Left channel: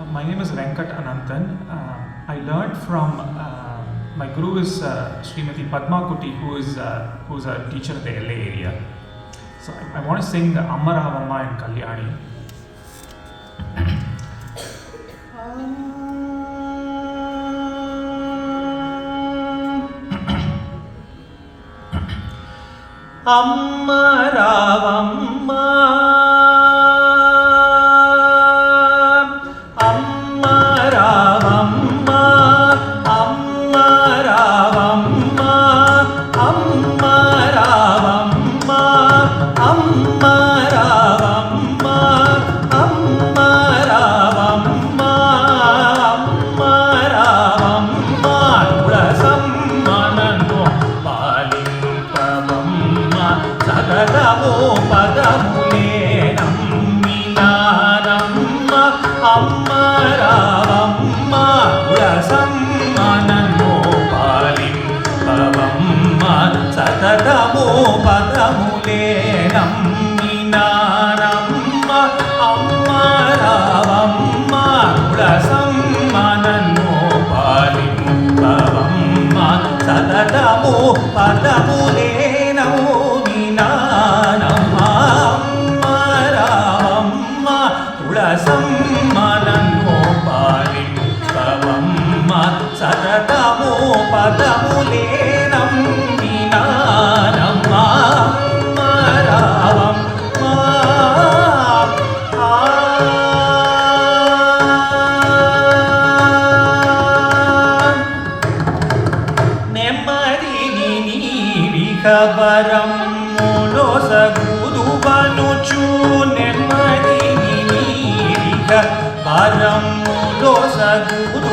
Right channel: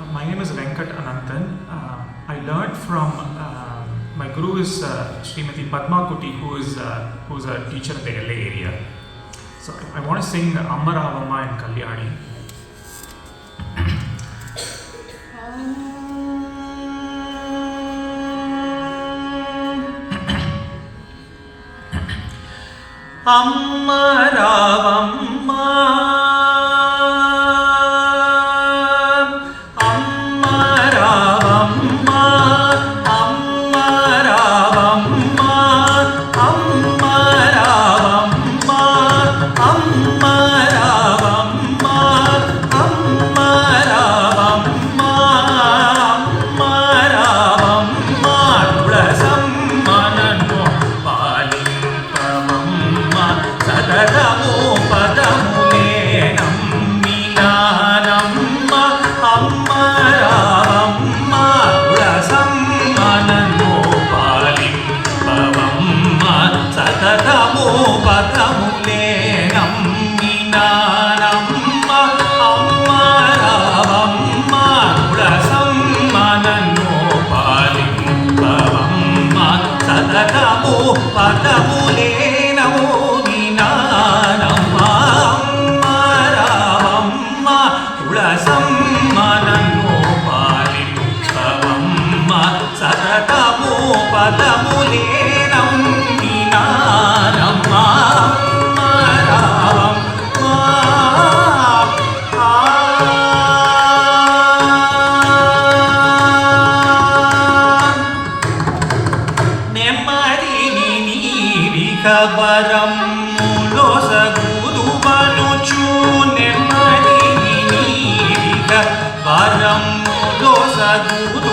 My name is Venkat Ananthan. I learned from my guru is Srimati Padma Kuti, who's a teacher in the LA area. So I want to sing Amma Ravamma in Kalyani. Amma Ravamma, Amma Ravamma, Amma Ravamma, Amma Ravamma, Amma Ravamma, Amma Ravamma, Amma Ravamma, Ulasammananno Palimpavamma Sadadamo Padamule Namminanamma Amma Ravamma Ulasammananno Palimpavamma Sadadamo Padamule Namminanamma Amma Ravamma Ulasammananno Palimpavamma Sadadamo Padamule Namminanamma Amma Ravamma Ulasammananno Palimpavamma Sadadamo Padamule Namminanamma Amma Ravamma నెమ్మదిని నీరిక వరములో సగుదువనుచు నెమ్మదిని నీరిక వరములో సగుదు